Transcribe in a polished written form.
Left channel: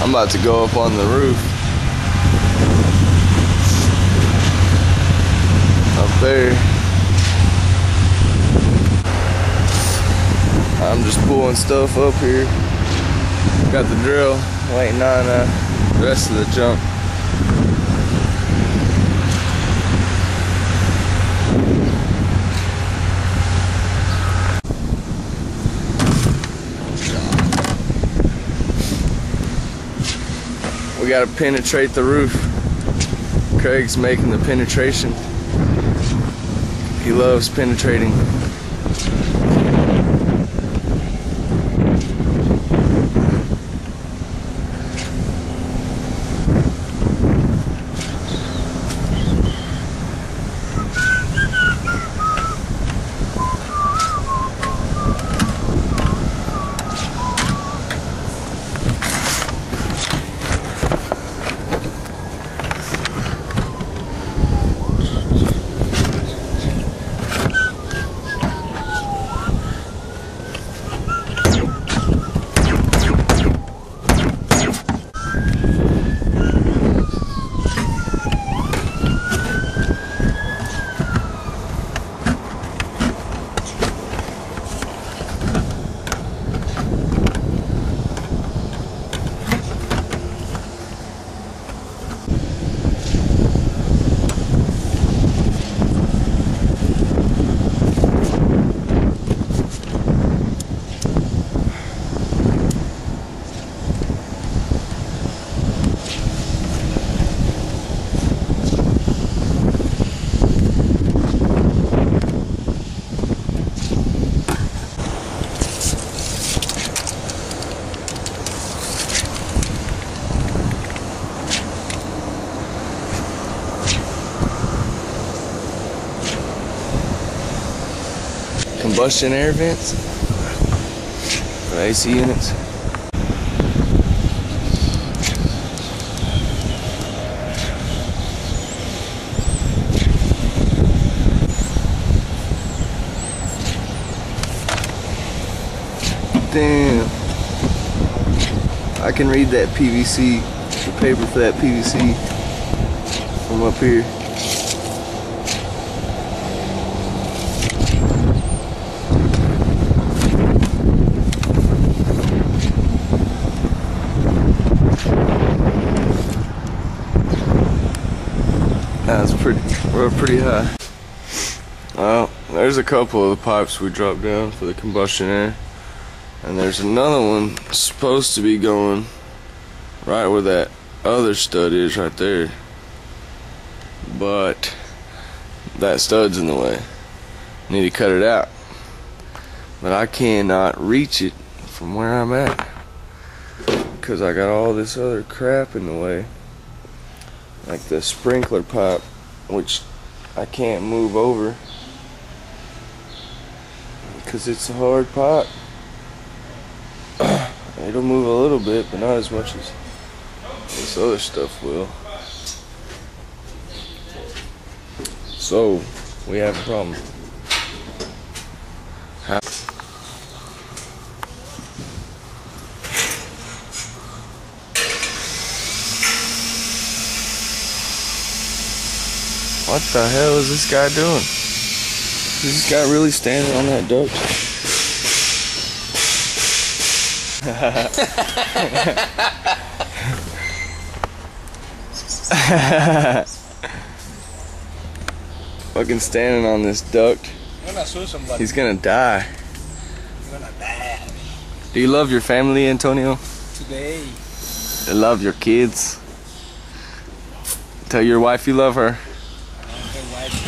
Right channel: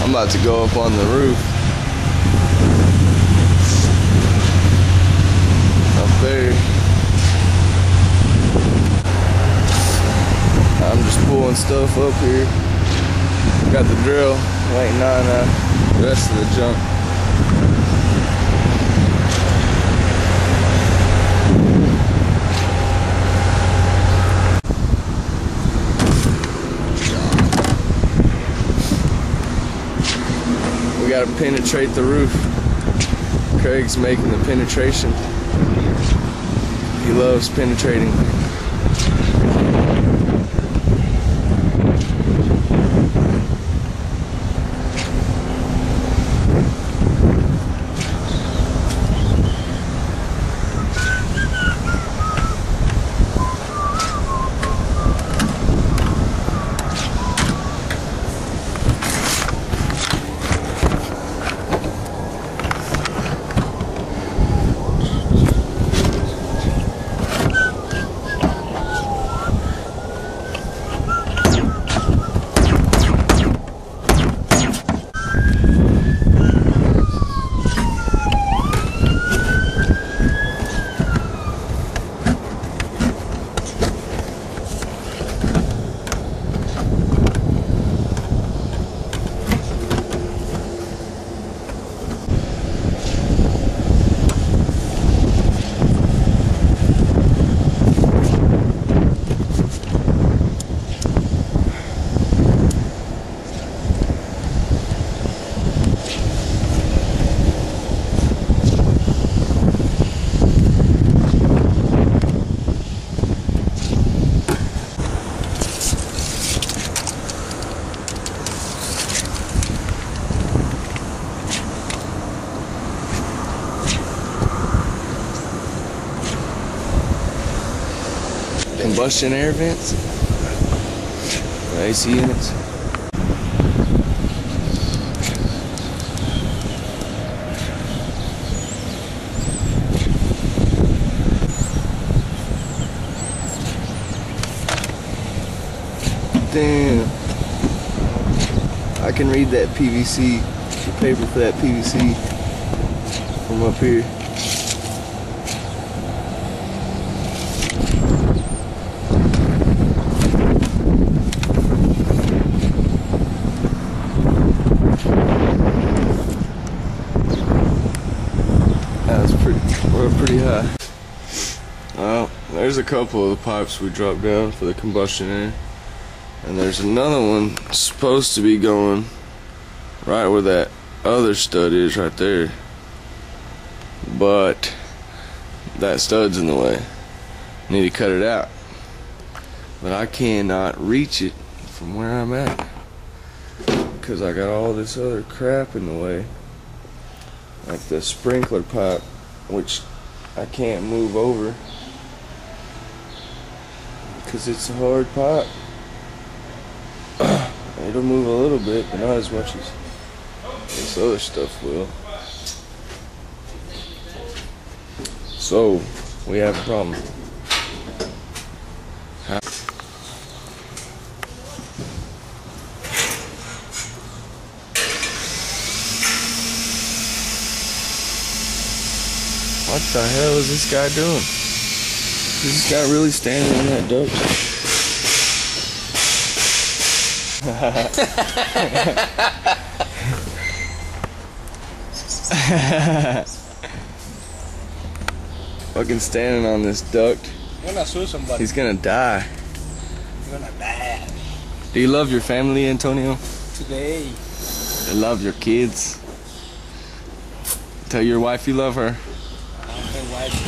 I'm about to go up on the roof. Up there. I'm just pulling stuff up here. Got the drill, waiting on the rest of the junk. We gotta penetrate the roof. Craig's making the penetration. He loves penetrating. Combustion air vents, AC units. Damn, I can read that PVC, the paper for that PVC from up here. That's we're pretty high. Well, there's a couple of the pipes we dropped down for the combustion air, and there's another one supposed to be going right where that other stud is right there, but that stud's in the way. Need to cut it out, but I cannot reach it from where I'm at because I got all this other crap in the way, like the sprinkler pipe, which I can't move over because it's a hard pipe. It'll move a little bit, but not as much as this other stuff will. So we have a problem. What the hell is this guy doing? Is this guy really standing on that duct? Fucking standing on this duct. He's gonna die. You're gonna die. Do you love your family, Antonio? Today. You love your kids? Tell your wife you love her. Wife.